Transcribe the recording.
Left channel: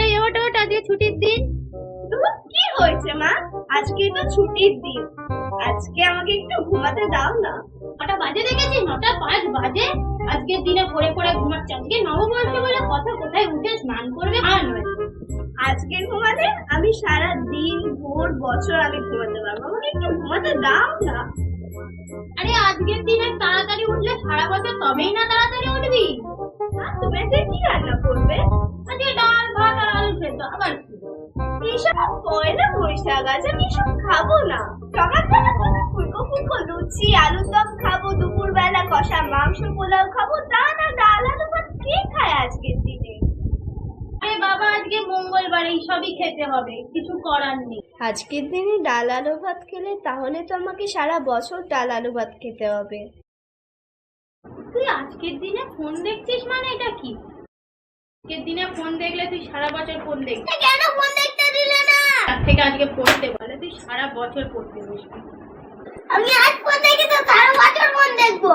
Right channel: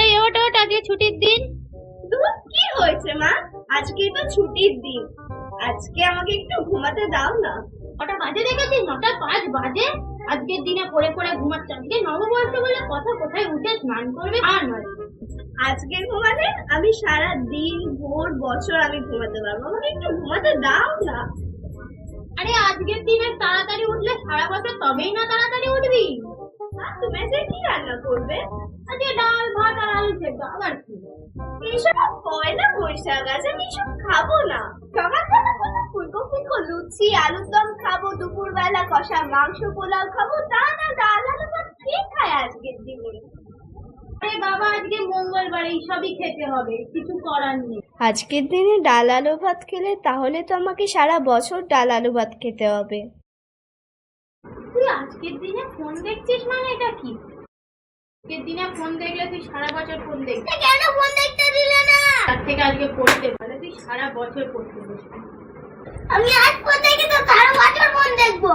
এই ওঠ ওঠ, আজকে ছুটির দিন। কি হয়েছে মা? আজকে তো ছুটির দিন, আজকে আমাকে একটু ঘুমাতে দাও না। কটা বাজে দেখেছিস? 9:05 বাজে। আজকের দিনে পড়ে পড়ে ঘুমাচ্ছে। আজকে নববর্ষ বলে কথা, কোথায় উঠে স্নান করবে আর নয়। আজকে ঘুমালে আমি সারা দিন ভোর বছর আমি ঘুমাতে পারবো, আমাকে একটু ঘুমাতে দাও না। আরে আজকের দিনে তাড়াতাড়ি উঠলে সারা বছর তবেই না তাড়াতাড়ি উঠবি। তুমি আজকে কি রান্না করবে? আজকে ডাল ভাত আর আলু সেদ্ধ, আবার কি? এইসব পয়লা বৈশাখ, আজ আমি এসব খাবো না। সকালবেলা কোনো ফুলকো ফুলকো লুচি আলুর দম খাবো, দুপুর বেলা কষা মাংস পোলাও খাবো, তা না ডাল আলু ভাত কে খায় আজকের দিনে? আরে বাবা, আজকে মঙ্গলবার, এইসবই খেতে হবে, কিছু করার নেই। আজকের দিনে ডাল আলু ভাত খেলে তাহলে তো আমাকে সারা বছর ডাল আলু ভাত খেতে হবে। তুই আজকের দিনে ফোন দেখছিস মানে এটা কি? আজকের দিনে ফোন দেখলে তুই সারা বছর ফোন দেখবি। কেন ফোন দেখতে দিলে না? তার থেকে আজকে পড়তে পারে, তুই সারা বছর পড়তে বসবি। আমি আজ ফোন দেখে তো সারা বছর ফোন দেখবো।